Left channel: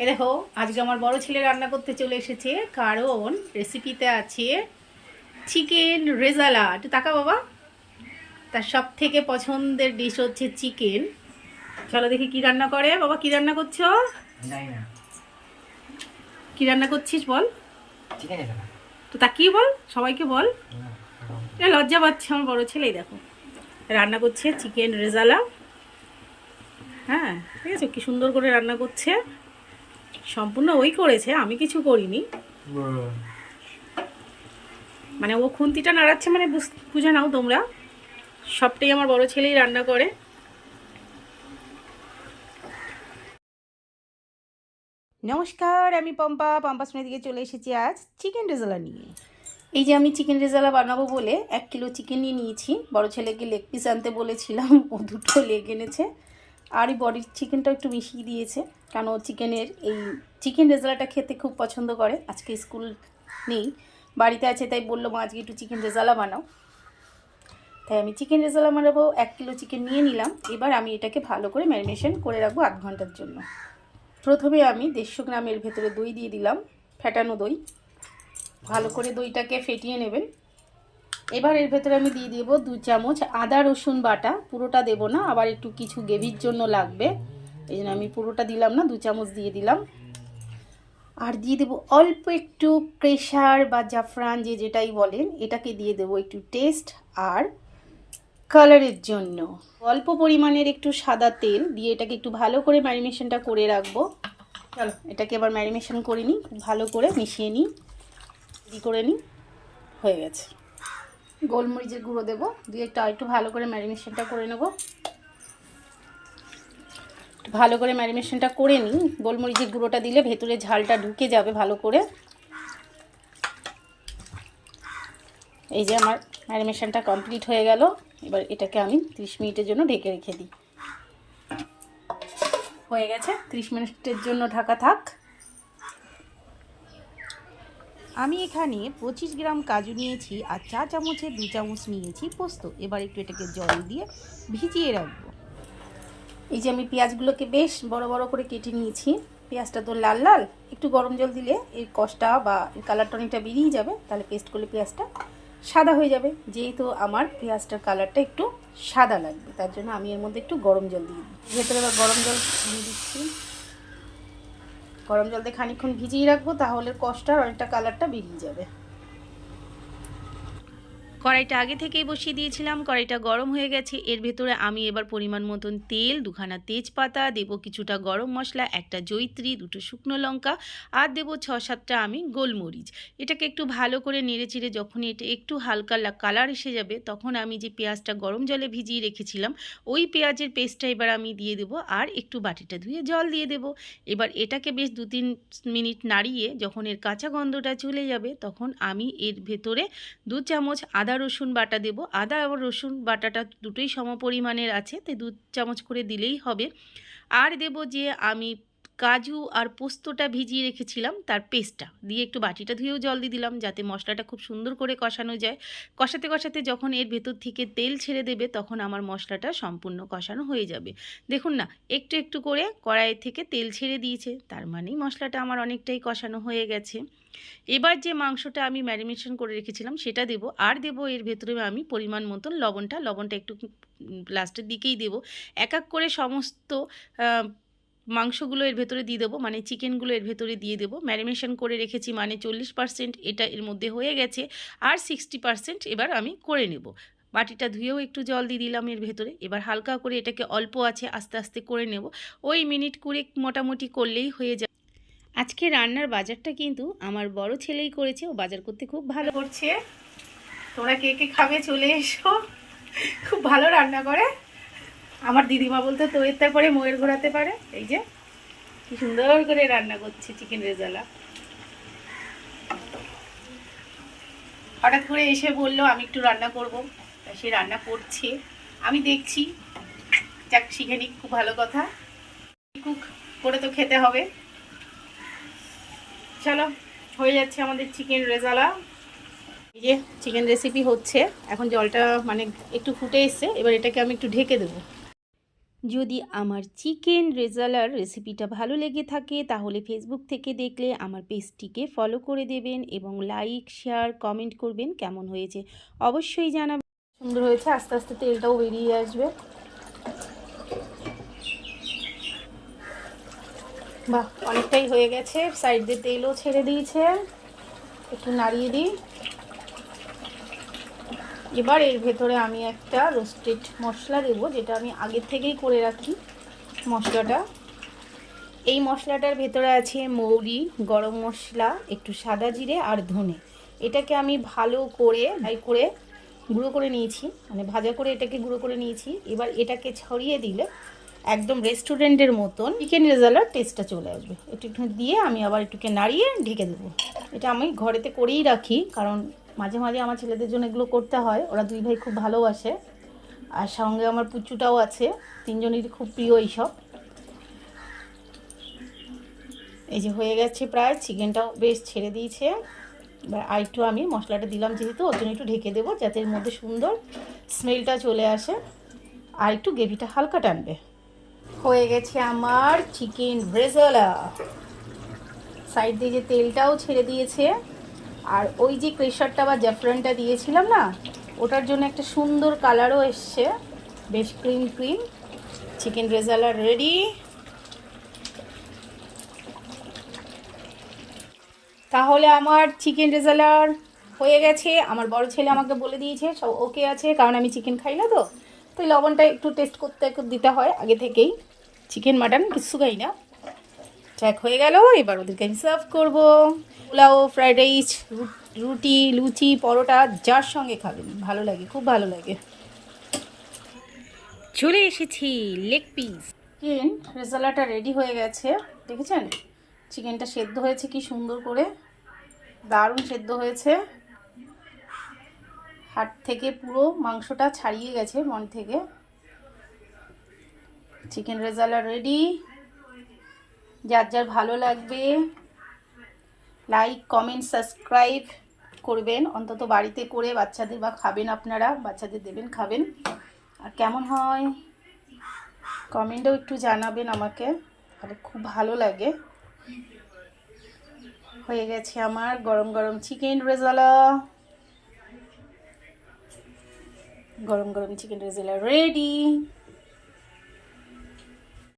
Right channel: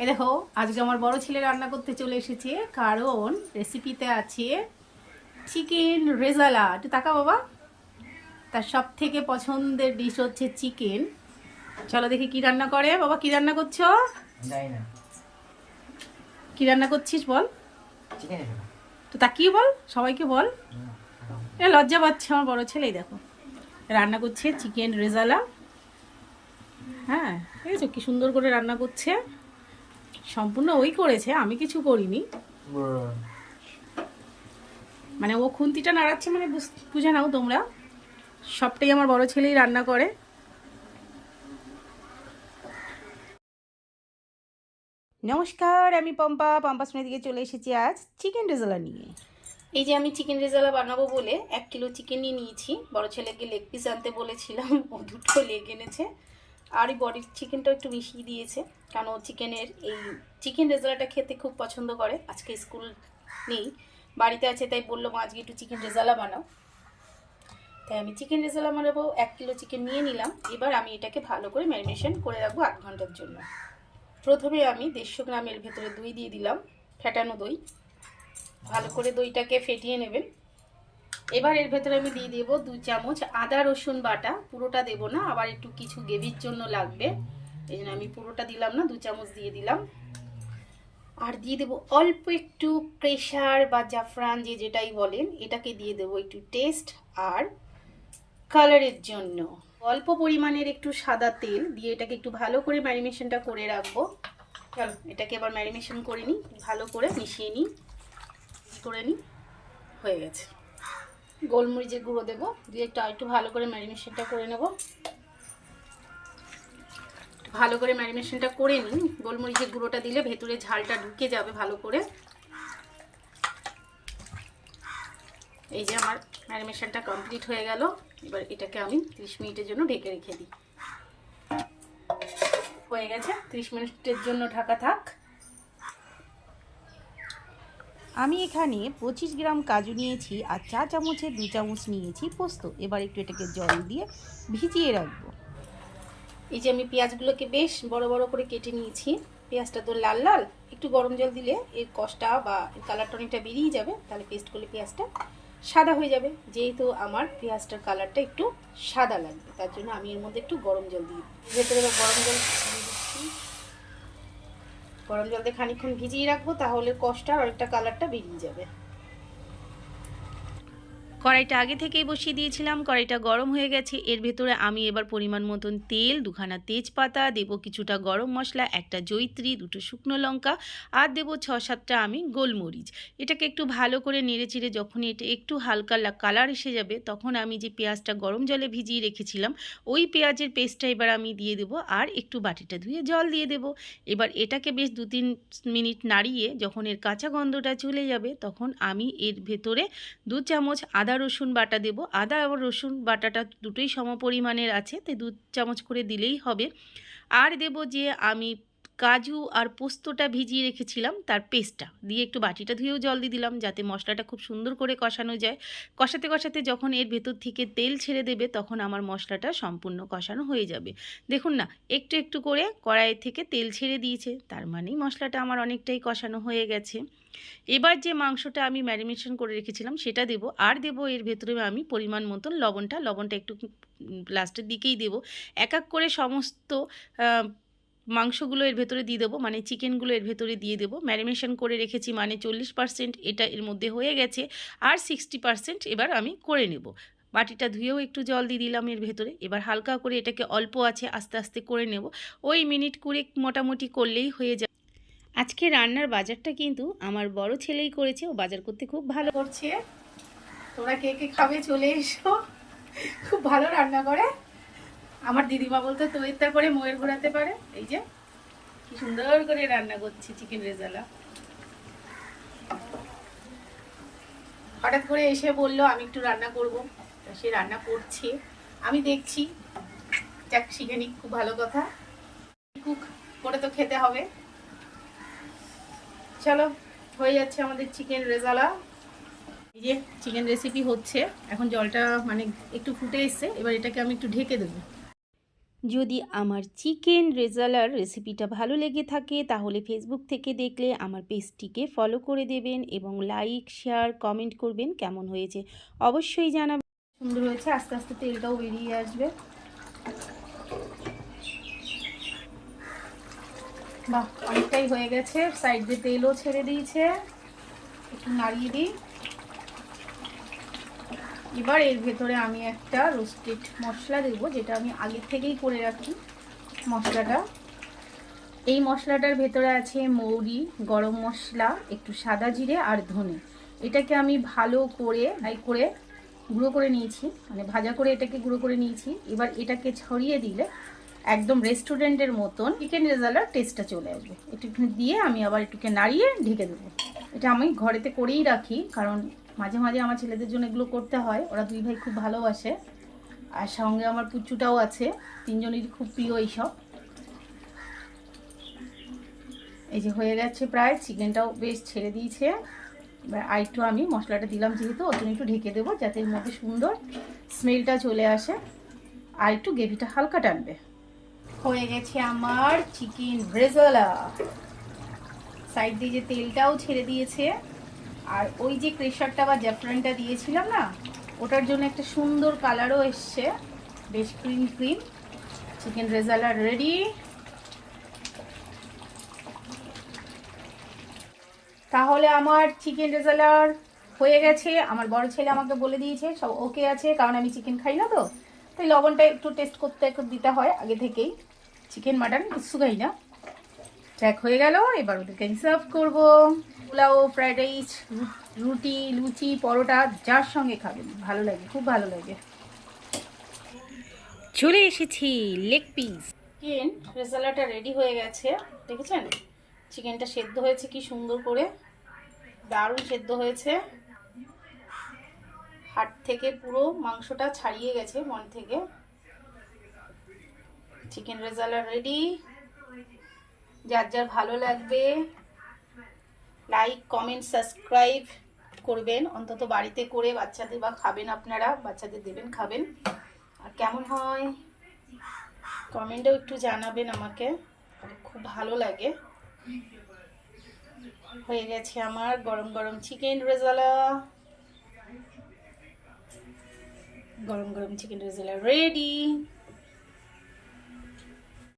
এই দেখো আজকে আমার বড় ছেলে রান্না করতে চলে এসেছে, কারণ রেসিপিতে আছে চিকেন রেজালা। একটু তাকা বাবা, তার সব থেকে পছন্দের ডিশ হচ্ছে চিকেন। চলো দেখি কি রান্না করে। বাবা কি রান্না করছো? কি রান্না করছিস বল? তো তা কি বল, সবাইকে বল। লজ্জা পাচ্ছে আমার বড় ছেলেই, দেখো রান্না করছে চিকেন রেজালা। হ্যাঁ ঠিক আছে, কি সুন্দর করে রান্না করছে। সম্পূর্ণ ওই করেছে, আমি কিছু করিনি। মানে ও খুন্তিটা নাড়াচ্ছে, মানে বুঝে নাও তোমরা, সবটাই আমার বড় ছেলেই রান্না করে। নমস্কার, আমি পম্পা স্মৃতি দিকে চলে এসেছি আজ চিকেন রেজালা নিয়ে। এই যে আমি চিকেন রেজালা বানাবো বলে 1 কিলো চিকেন নিয়ে নিয়েছি। বড় ছেলেকে লেগ পিস আনতে বলেছিলাম, ও 2টো লেগ এনেছে। আর এই বডির চিকেনটা একটু মিশিয়ে দিয়েছে, কারণ ও চিকেনের এই চিকেন রেজালাটা খেতে খুব পছন্দ করে। আজকে স্কুল নেই, বাড়িতে আছে, তাই বললো মা আজকে একটু চিকেন রেজালা বানাও। তাই আমি চিকেন রেজালা বানাবো। 1 কিলো চিকেন নিয়ে নিলাম। এবার আমি এটাকে ভালো করে ম্যারিনেশন করে রাখবো 8 ঘন্টার জন্য। প্রথমে আমি 150 গ্রামের ভেতরে দই দিয়ে দিলাম, ফেটানো দই। ভালো করে দইটাকে ফেটিয়ে নেবেন। এবার এর ভেতরে আমি দিয়ে দেবো 2 চামচ আদা রসুন বাটা। পুরোটা দেবো না, আবার একটু কিছু গ্রেভির জন্য লাগবে, এই জন্য আমি পুরোটা দিলাম না, 2 চামচ দিয়ে দিলাম। আর দিয়ে দেবো অল্প একটু কেশর বা জাফরান, যেটাই বলেন, এটাকে দিয়ে দেবো একটু টেস্ট আর কালারের জন্য। অল্প পরিমাণের একটু সাদা তেল দিয়ে এটাকে একটু ভালো করে ম্যারিনেশনটা করে রাখবো। চলো এটাকে এবার ম্যারিনেশন করে নিই, ভালো করে মিশিয়ে নিই, করে নিই। হয়ে গেছে। গোলমরিচের গুঁড়ো দেবো, দিয়ে একটু ভালো করে ম্যারিনেশনটা করে নেব। ভালো করে ম্যারিনেশনটা করে নিই। গোলমরিচের গুঁড়োটা দিলে ভেতরে ঝালটা ঢুকে যাবে ভালো করে। এই যে আমার ম্যারিনেশনটা কমপ্লিট হয়ে গেল। এবার এটাকে আমি 30 মিনিটের জন্য ঢেকে রেখে দিই। হয়ে গেছে, 30 মিনিটের জন্য ঢাকা থাক। আমি এখানে 25 গ্রাম কাজু নিয়েছি আর 4 চামচের 2 চামচ নিয়েছি পোস্ত। এবার একটু এটাকে জল দিয়ে ভিজিয়ে রাখবো। এই যে আমি পেঁয়াজগুলোকে বেশ বড় বড় করে কেটে নিয়েছি। পেঁয়াজটা তো লাল লাল, একটু গরম জল দিলে এর কষটা বা কালারটা অনেকটা বেরিয়ে যাবে, তাহলে পেস্ট করলে পেঁয়াজটা সাদা হয়ে যাবে। যেহেতু আমার পেঁয়াজটার কালারটা একটু সাদা লাগবে, তার জন্য আমি এর মধ্যে একটু গরম জল দিয়ে দিই। ভেতরে এবার গরম জল দিয়ে দিচ্ছি। গরম জল দিয়ে খানিকক্ষণ ভিজিয়ে রাখবো, তাহলে কষটার অনেকটা কালারটা বেরিয়ে যাবে। কড়াইটা আগে থেকেই বসিয়ে দিয়েছিলাম, কড়াইটা গরম হয়ে গেছে। এর ভেতরে আমি এবার পরিমাণ মতন তেল, 2খানা তেজপাতা দেবো, কিছুটা গরম মশলা, একটা জয়িত্রী, 2টো শুকনো লঙ্কা, আর দেবো 6-7টা আমি গোলমরিচ। এটাকে একটু ভালো করে নেড়ে চেড়ে যখন এটা একটু হালকা কালার এসে যাবে, তখন আমি যে পেঁয়াজটা গরম জলে ভিজিয়ে রেখেছিলাম, ওই পেঁয়াজের পেস্টটা এবার আমি দিয়ে দেবো, আর একটু বাটিটা ধুয়ে জল দিয়ে দেবো। এবার এটাকে বেশ 2-3 মিনিট নাড়িয়ে যখন এর কাঁচা গন্ধটা চলে যাবে, তখন আমি এর ভেতরে 2 চামচ আদা রসুন বাটা দেব। আদা আর রসুন বাটাটা দুটোই সমপরিমাণের আছে, তাই 2 চামচ করে দিলেই হবে। আর দেব যে আমি কাজু আর পোস্তটা ভিজিয়ে রেখেছিলাম, তার পেস্টটা দিয়ে একটু বাটিটা ধুয়েও জল দিয়ে দিলাম, যাতে মশলাটা খুব সুন্দর করে কষানো যায়। কষাতে কষাতে যখন এর ভেতর থেকে তেল ছেড়ে দেবে, তখন আমার মশলাটা সম্পূর্ণ কষানো হয়ে যাবে। দেখুন না, একটু একটু করে কড়াই থেকে তেল ছেড়ে দিয়েছে, তার মানেই মশলাটা আমার অনেকটাই কষানো হয়ে গেছে। এবার যে মাংসটা আমি ম্যারিনেশন করে রেখেছিলাম সেটা দেব, আর দেব এর ভেতরে আমি পরিমাণ মতন লবণটা একটু লাস্টের দিকেই দেব। এক এক করে সমস্ত মাংসগুলো এর ভেতরে দিয়ে দেবো, মানে চিকেনগুলো এর ভেতরে দিয়ে দেবো। ম্যারিনেশন করে রেখেছি মানে 40% এটা এর মধ্যে হয়ে গেছে, আর 60% এবার আমি করে নেব। বাটিটা ধুয়েও একটু জল দিয়ে দিলাম এর ভেতরে। এবার হালকা করে এটাকে অল্প আছে আস্তে আস্তে করে নেব, ওই মিনিট 20 মোটামুটি করলেই হয়ে যায়। আজকে রান্নার বাজারটা কিন্তু আমার বড় ছেলেই করেছে, ও বাজার করতে খুব ভালো করছে। তোমরা কে কে খাবে চলে এসো, খুব ভালো রান্না করে। আমার দিদিমা বলতে তো এর তারপরে ময়ের ঘোরাতে পারে। এই যে কি সুন্দর করে রান্না করছে চিকেন রেজালা। হঠাৎ করে এসে বললো আমি একটু রান্না করব, সে রান্না করছে, আমি দেখছি, যাক শিখে নিক, খুব ভালো কথা। কুক করে তো খেতে হবে। চলো, হয়ে যাচ্ছে আমাদের চিকেন রেজালা। এই যে চিকেন রেসিপি হচ্ছে, এখন জলটা মানে একটু ফুটে এসছে, এবার এটাকে আমি একটু ঢেকে দেবো। যদি আমার চিকেন রেজালার রেসিপিটা ভালো লেগে থাকে তাহলে ফেসবুক থেকে দেখলে আমার পেজটিকে ফলো করে দেবেন এবং লাইক শেয়ার কমেন্ট করবেন কেমন হয়েছে অবশ্যই জানাবেন। সুন্দর হয়েছে, আস্তে আস্তে তেলটাও বেরিয়ে আসবে। বাহ, অনেকটাই হয়ে গেছে, সাইড দিয়ে তেলও ছেড়ে দিয়েছে। একটু নাড়িয়ে দিই। এবার এর ভেতরে আমি একটা রোস্টেড মশলা দেবো, যেটা আমি আগের থেকেই করে রাখি মশলাটা। এই মশলাটার ভেতরে আছে মৌরি, গরম মশলা, একটু সাদা জিরে আর ধনে। এটাকে আমি ভালো করে গুঁড়ো করে নিয়েছি, মানে ভাজা করে এটাকে গুঁড়ো করে নিয়েছি। এবার এটাকে ছড়িয়ে দিলে একদম রেস্টুরেন্টের মতন চিকেন রেজালার টেস্টটা চলে আসবে। একটু দিয়ে আমি আবার একটুকে নাড়িয়ে ঢেকে দেবো। এটা আমি ঘরেতে করেই রাখি, কারণ মাঝে মাঝে আমার ছেলেদের জন্য এগুলো করতে হয়। ওরা দুই ভাই খুব ভালোবাসে, আর সঙ্গে আমার পুচুটাও আছে, তিনজনেরই খুব প্রিয় এইসব। এই যে হয়ে গেছে প্রায়, চিকেনটাও বেশ ছেড়ে দিয়েছে। এবার আরেকটু আমি মশলাটা দিলাম যেহেতু, ওর জন্য একটু ঢেকে দেবো যাতে এর মধ্যে সুন্দর স্মেলটা চলে আসে আর একটু গ্রেভিটা হালকা টানবে। হয়ে গেছে আমার চিকেন রেজালা। সাইড দিয়ে যে তেলটাও ছেড়ে দিয়েছে, আর ওই যে ক্রেশারটা বা জাফরানটা দিয়েছিলাম না, ওটার জন্য একটা সুন্দর কালারও এসছে, বেশ cream cream. Chicken rezala ready. তাহলে আমার চিকেন রেজালার হয়ে গেছে। আমার বড় ছেলে আমাকে বলে দিয়েছে সব ওকে আছে, কারণ আমি চিকেন খাই না, তো তাই লবণটা একটু টেস্ট করতে দিতে হয় আগে থেকেই। চিকেন মাটন কিছু খাই না। চেক হয়ে গেল, এবার ওদেরকে আমি সার্ভ করবো। পোলাও, ফ্রাইড রাইস, রুটি, লুচি, পরোটা, যার সঙ্গে খাবেন ভালো লাগে, খুব ভালো লাগে। চলে এসেছি লেগ পিস। চিকেন রেজালাটা রেডি হয়ে গেছে, দেখেছেন চিকেনটা সেদ্ধ হয়েছে কি সুন্দর করে, দারুণ সেদ্ধ হয়েছে। হাড় থেকে পুরো মাংসটা ছাড়িয়ে গেছে মন থেকে। Chicken rezala ready. যার যার ভালো লাগবে লাইক কমেন্ট সাবস্ক্রাইব করবেন, অন্তত বাড়িতে করে বাচ্চাদের বা খাবেন, আপনারা বাচ্চাদের দেবেন খাবেন। আর কেমন হয় কমেন্টেও একটু জানাবেন আমাকে, তাহলে খুব ভালো লাগে। হয়ে গেছে আমার গরম গরম চিকেন রেজালা। গরম গরম চিকেন রেজালা রেডি।